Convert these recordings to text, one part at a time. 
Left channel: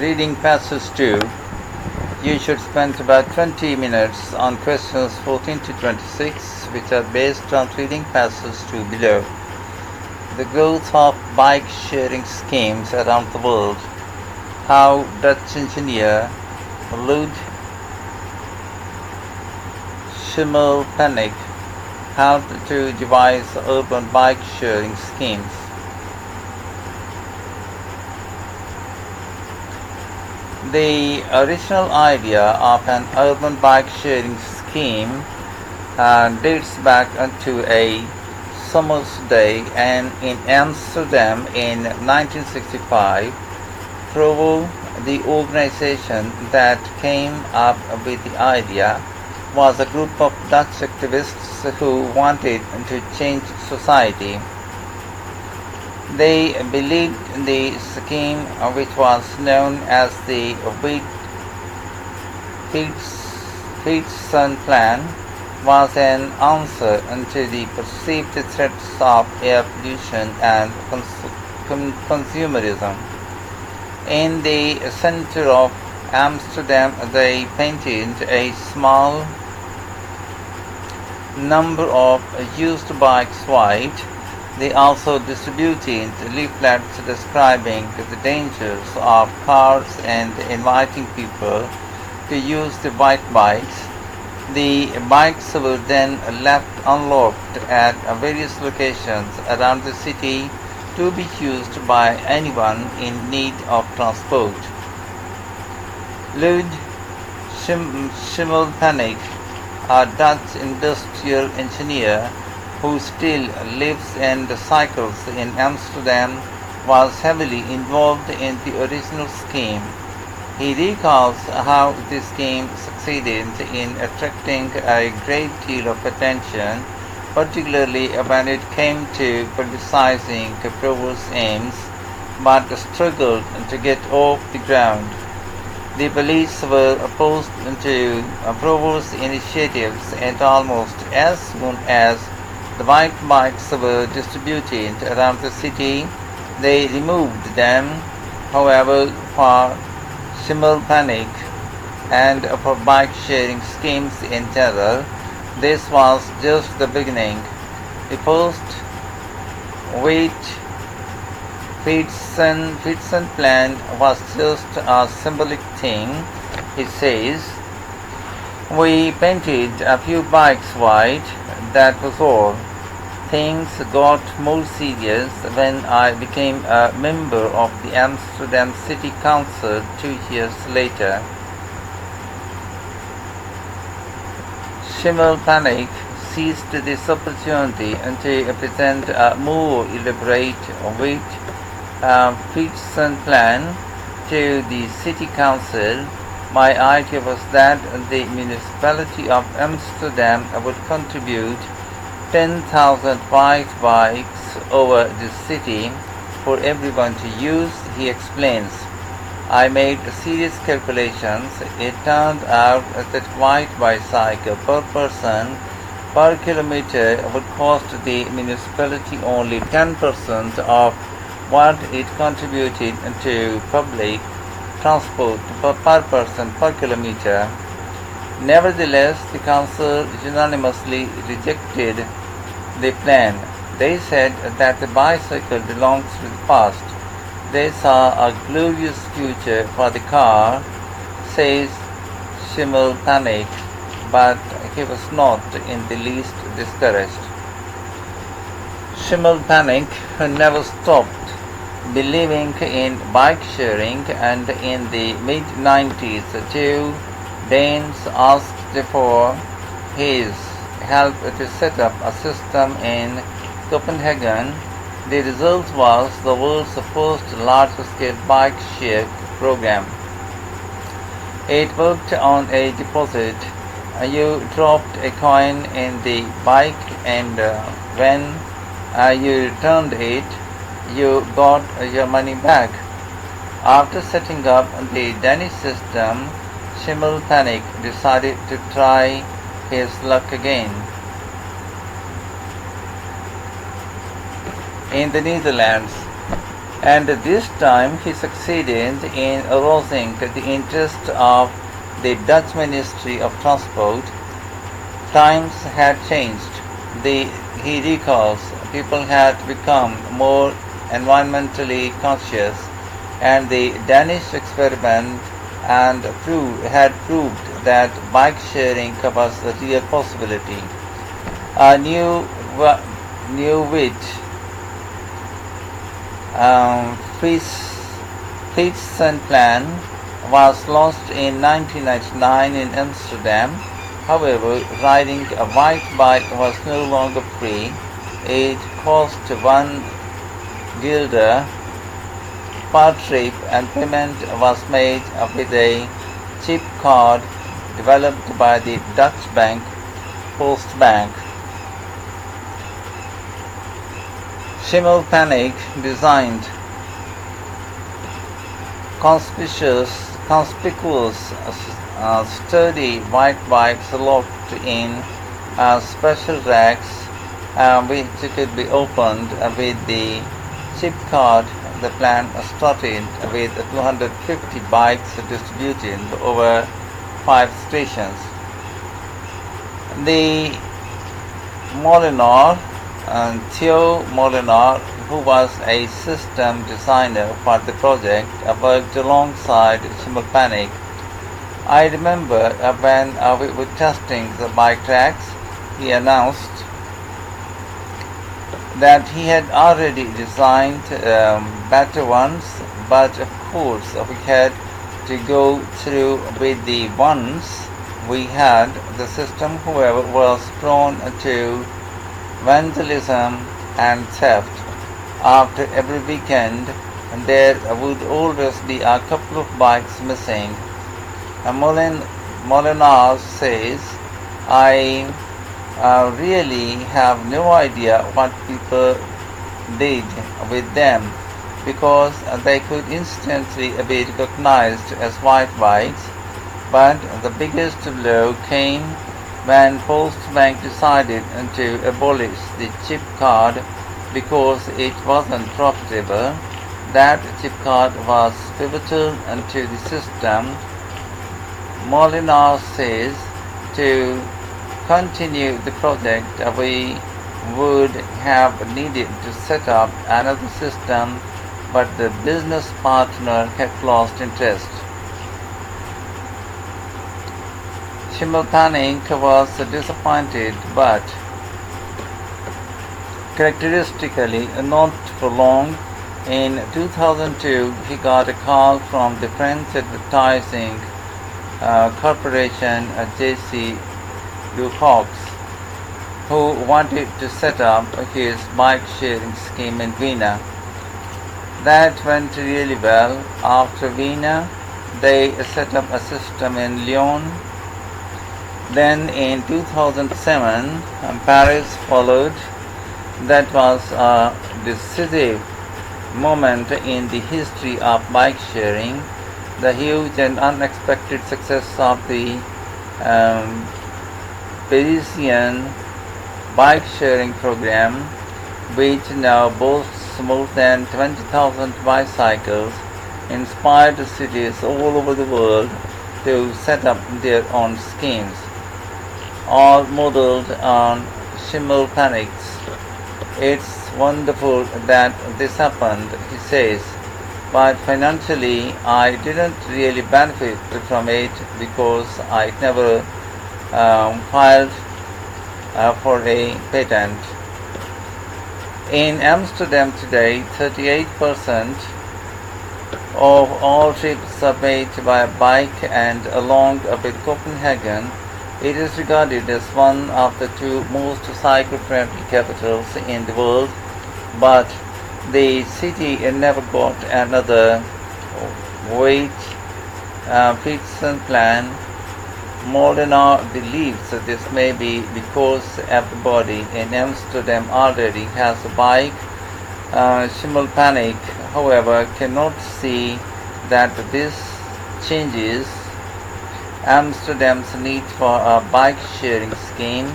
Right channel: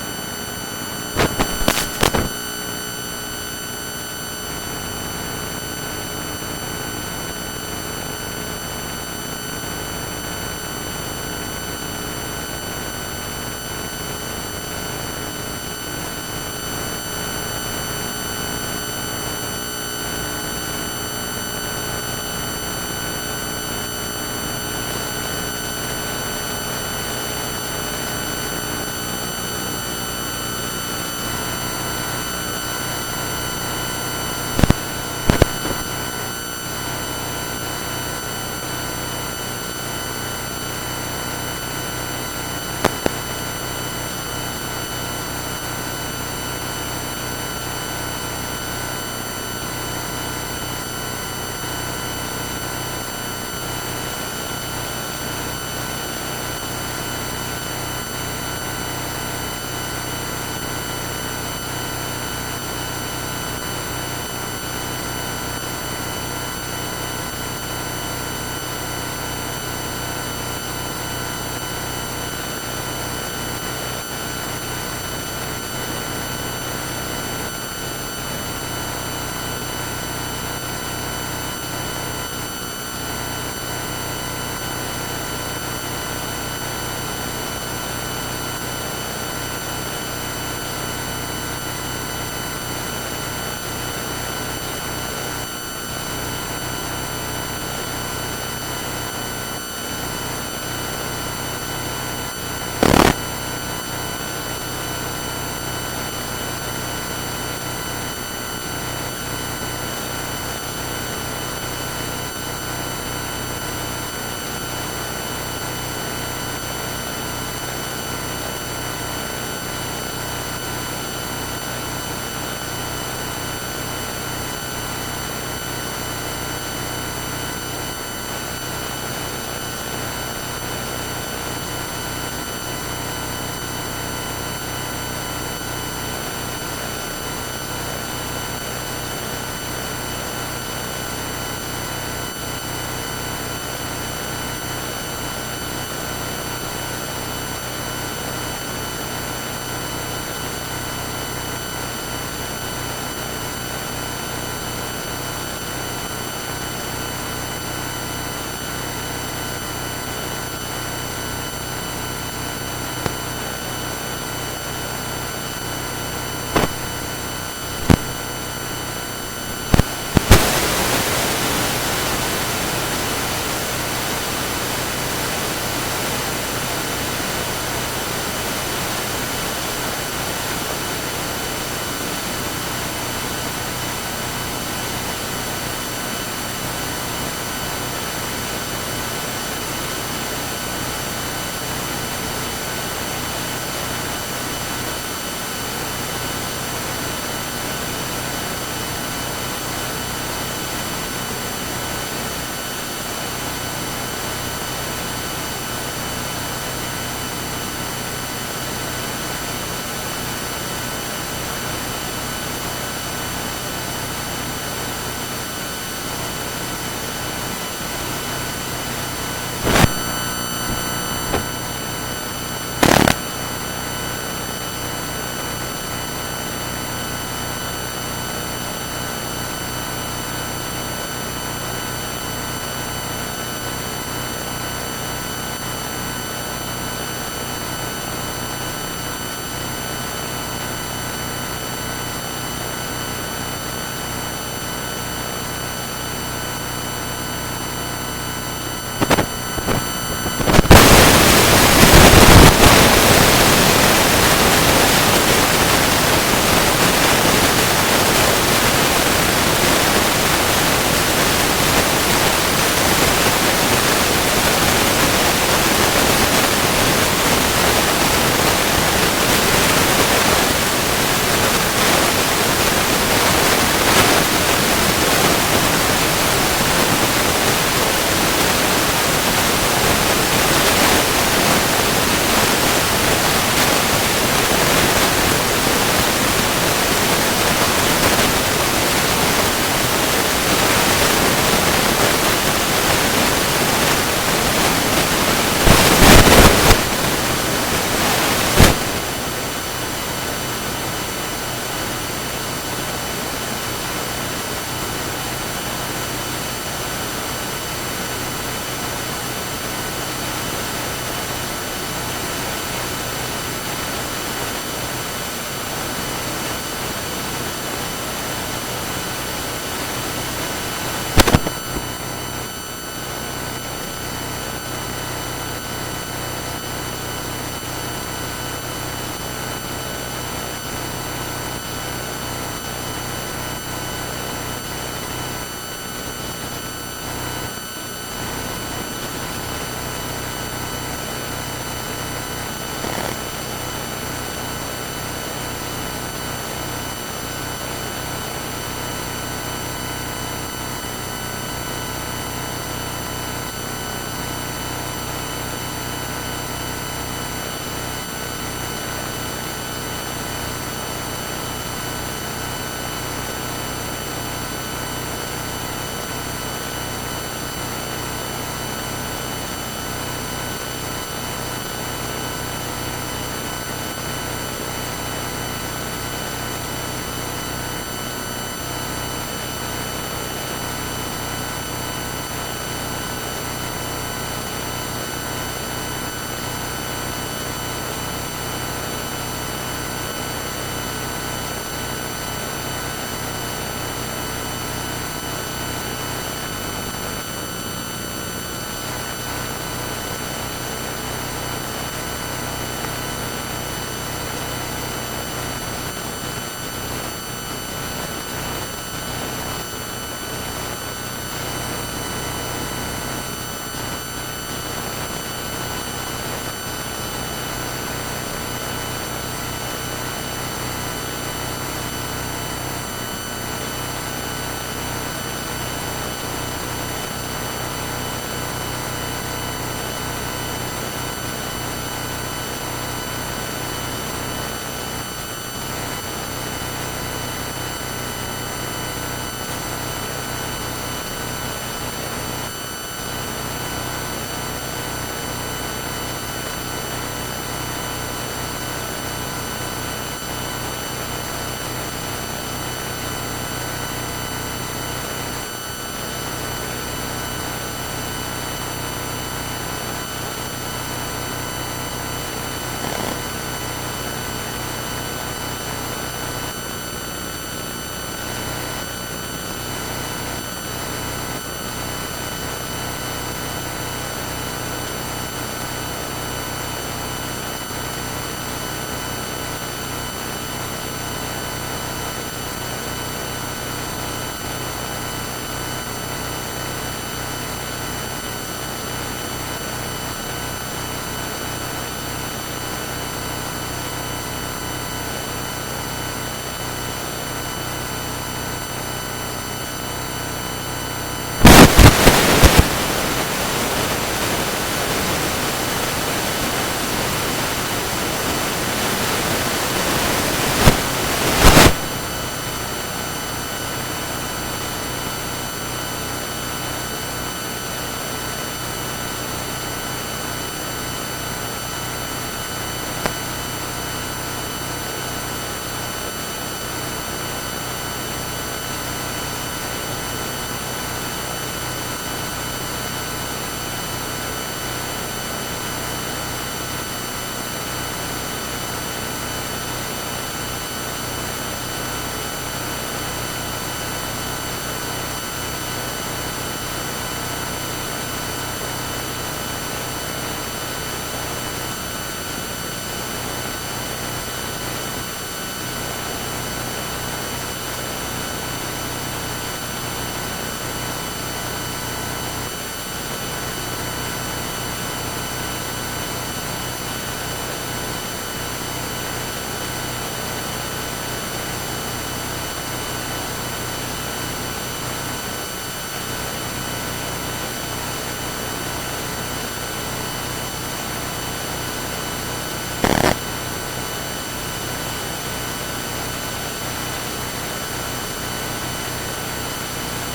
Reading passage 2. You should spend about 20 minutes on questions 14 to 26, which are based on reading passage 2 below. The growth of bike sharing schemes around the world. How Dutch engineer Luc Schimmelpenninck helped to devise urban bike sharing scheme. The original idea of an urban bike sharing scheme dates back to a summer's day and in Amsterdam in 1965. Trovo, the organization that came up with the idea, was a group of Dutch activists who wanted to change society. They believed the scheme, which was known as the Wheatstone Plan, was an answer to the perceived threats of air pollution and consumerism. In the center of Amsterdam, they painted a small number of used bikes white. They also distributed leaflets describing the dangers of cars and inviting people to use the white bikes. The bikes were then left unlocked at various locations around the city to be used by anyone in need of transport. Luc Schimmelpenninck, a Dutch industrial engineer who still lives and cycles in Amsterdam, was heavily involved in the original scheme. He recalls how this scheme succeeded in attracting a great deal of attention, particularly when it came to criticizing the Trovo's aims, but struggled to get off the ground. The police were opposed to Trovo's initiatives, and almost as soon as the white bikes were distributed around the city, they removed them. However, for Schimmelpenninck and for bike sharing schemes in general, this was just the beginning. The post-Wheatstone plan was just a symbolic thing. It says, "We painted a few bikes white. That was all. Things got more serious when I became a member of the Amsterdam City Council 2 years later." Schimmelpenninck seized this opportunity to present a more elaborate Wheatstone plan to the City Council. My idea was that the municipality of Amsterdam would contribute 10,000 bikes over the city for everyone to use, he explains. I made serious calculations. It turned out that white bicycle per person per kilometer would cost the municipality only 10% of what it contributed to public transport per person per kilometer. Nevertheless, the council unanimously rejected the plan. They said that the bicycle belongs to the past. They saw a glorious future for the car, says Schimmelpenninck, but he was not in the least discouraged. Schimmelpenninck never stopped believing in bike sharing, and in the mid-90s, Danes asked before Greece helped to set up a system in Copenhagen. The result was the world's first large-scale bike sharing program. It worked on a deposit. You drop a coin in the bike, and when you returned it, you got your money back. After setting up the Danish system, Schimmelpenninck decided to try his luck again. In the Netherlands, and this time he succeeded in arousing the interest of the Dutch Ministry of Transport. Times had changed. He recalls people had become more environmentally conscious, and the Danish experiment and had proved that bike sharing was a real possibility. A new which Peterson plan was launched in 1999 in Amsterdam. However, riding a white bike was no longer free. It cost £1 per trip, and payment was made with a chip card developed by the Dutch bank Postbank. Schimmelpennink designed conspicuous sturdy white bikes locked in special racks, which could be opened with the chip card. The plan started with 250 bikes distributed over 5 stations. The Theo Molinar, who was a system designer for the project, worked alongside Schimmelpennink. I remember when we were testing the bike racks, he announced that he had already designed better ones, but of course we had to go through with the ones we had. The system, however, was prone to vandalism and theft. After every weekend, there would always be a couple of bikes missing. Molinar says, I really have no idea what people did with them, because they could instantly be recognized as white bikes. But the biggest blow came when Postbank decided to abolish the chip card because it wasn't profitable. That chip card was pivotal to the system. Molinar says to continue the project, we would have needed to set up another system, but the business partner had lost interest. Schimmelpennink was disappointed, but characteristically not for long. In 2002, he got a call from the French advertising corporation J.C. Ducox, who wanted to set up his bike sharing scheme in Vienna. That went really well. After Vienna, they set up a system in Lyon. Then in 2007, Paris followed. That was a decisive moment in the history of bike sharing. The huge and unexpected success of the Parisian bike sharing program, which now boasts more than 20,000 bicycles, inspired cities all over the world to set up their own schemes, all modeled on Schimmelpennink's. It's wonderful that this happened, he says, but financially I didn't really benefit from it because I never filed for a patent. In Amsterdam today, 38% of all trips are made by bike, and along with Copenhagen, it is regarded as one of the two most cycle-friendly capitals in the world, but the city never got another weight Peterson plan. Molinar believes that this may be because everybody in Amsterdam already has a bike. Schimmelpennink, however, cannot see that this changes Amsterdam's need for a bike sharing scheme.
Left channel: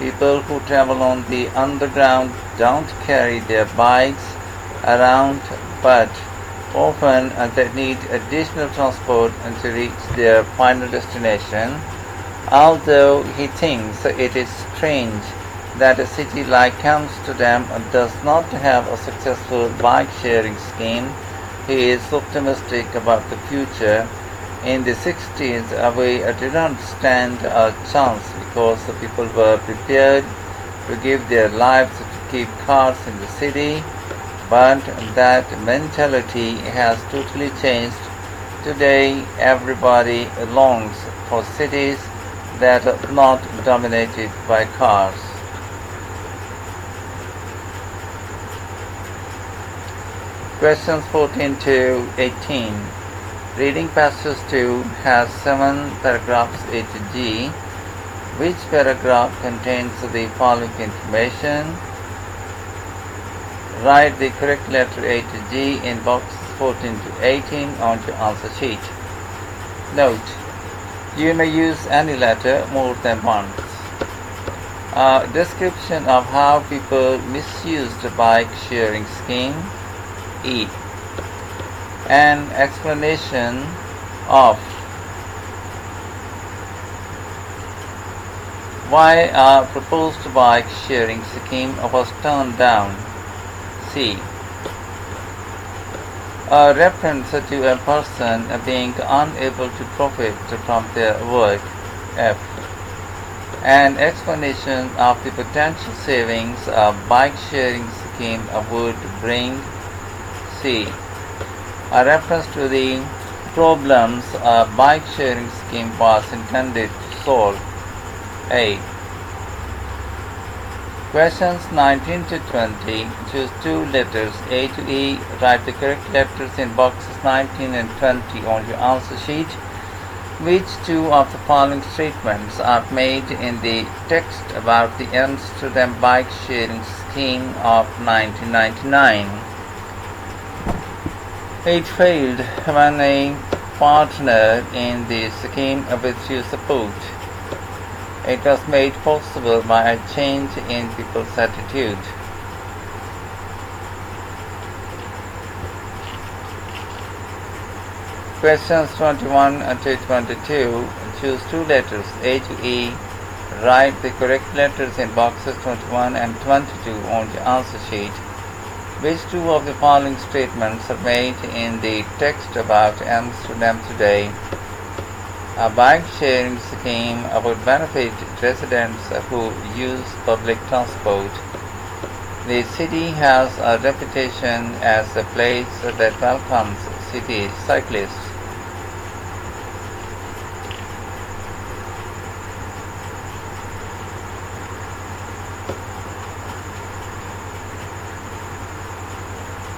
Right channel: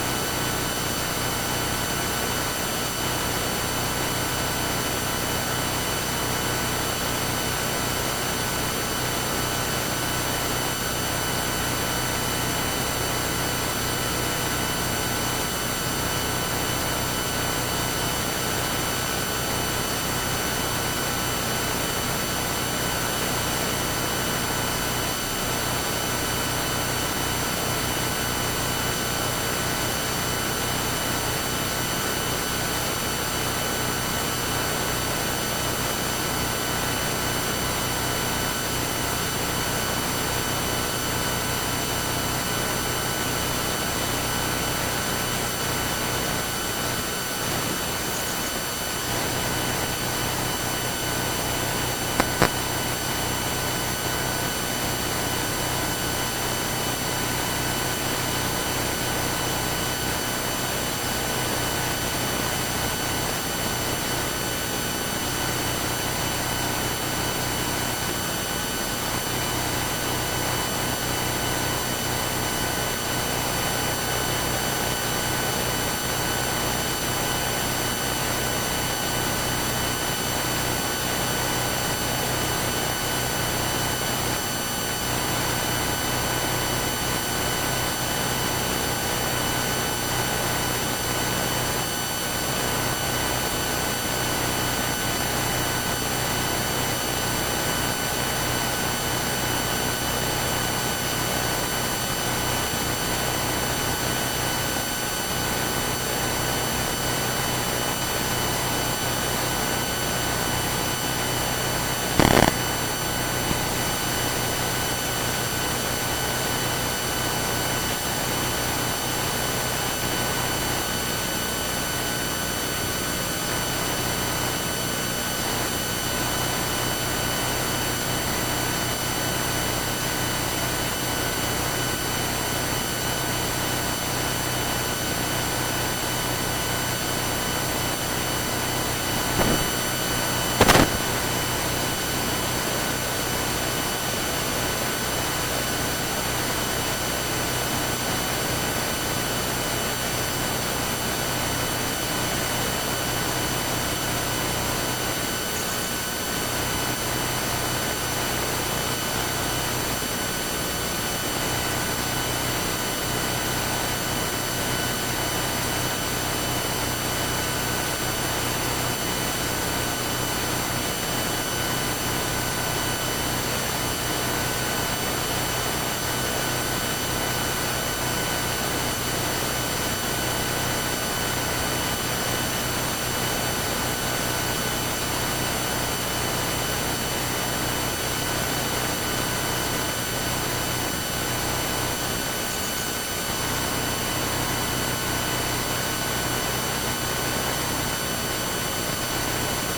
People who travel on the underground don't carry their bikes around, but Often they need additional transport to reach their final destination, although he thinks it is strange that a city like Amsterdam does not have a successful bike-sharing scheme. He is optimistic about the future. In the 60s, we did not stand a chance because the people were prepared to give their lives to keep cars in the city, but that mentality has totally changed. Today, everybody longs for cities that are not dominated by cars. Questions 14 to 18. Reading passage 2 has 7 paragraphs A to G. Which paragraph contains the following information? Write the correct letter A to G in box 14 to 18 on the answer sheet. Note: you may use any letter more than once. A description of how people misuse the bike sharing scheme. E. An explanation of why a proposed bike sharing scheme was turned down. C. A reference to a person being unable to profit from their work. F. An explanation of the potential savings a bike sharing scheme would bring. C. A reference to the problems a bike sharing scheme was intended to solve. A. Questions 19 to 20. Choose two letters A to E. Write the correct letters in boxes 19 and 20 on the answer sheet. Which two of the following statements are made in the text about the Amsterdam bike sharing scheme of 1999? It failed when a partner in the scheme which you support. It was made possible by a change in people's attitude. Questions 21 to 22. Choose two letters A to E. Write the correct letters in boxes 21 and 22 on the answer sheet. Which two of the following statements are made in the text about Amsterdam today? A bike-sharing scheme would benefit residents who use public transport. The city has a reputation as a place that welcomes city cyclists.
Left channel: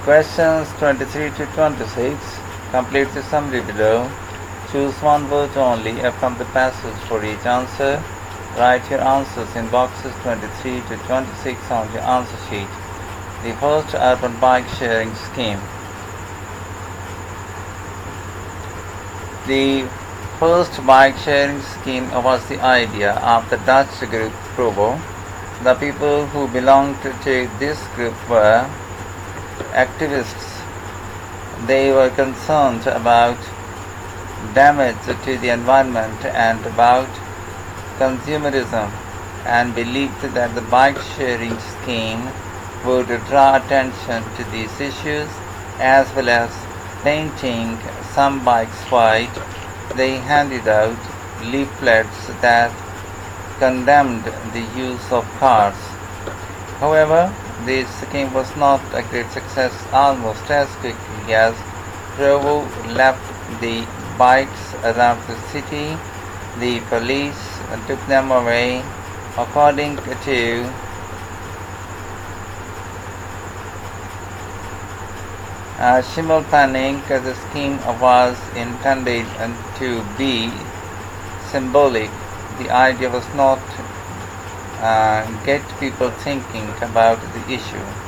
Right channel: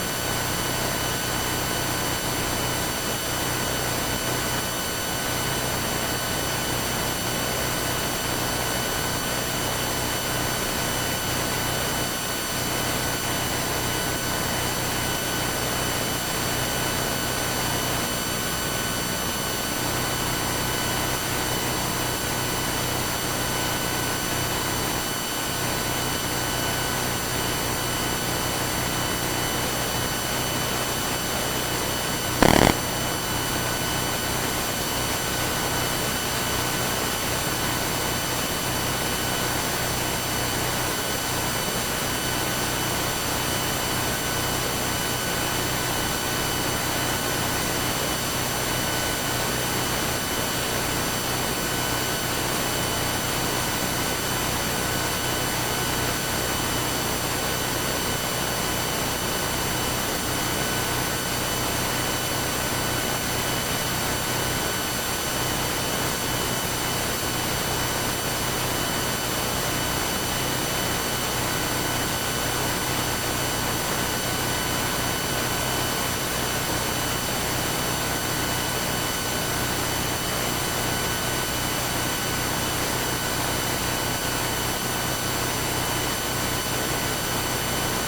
Questions 23 to 26. Complete the summary below. Choose one word only from the passage for each answer. Write your answers in boxes 23 to 26 on the answer sheet. The first urban bike sharing scheme. The first bike sharing scheme was the idea of the Dutch group Provo. The people who belonged to this group were activists. They were concerned about damage to the environment and about consumerism, and believed that the bike sharing scheme would draw attention to these issues as well as painting some bikes white. They handed out leaflets that condemned the use of cars. However, this scheme was not a great success. Almost as quickly as Provo left the bikes around the city, the police took them away. According to Schimmel planning, the scheme was intended to be symbolic. The idea was not get people thinking about the issue.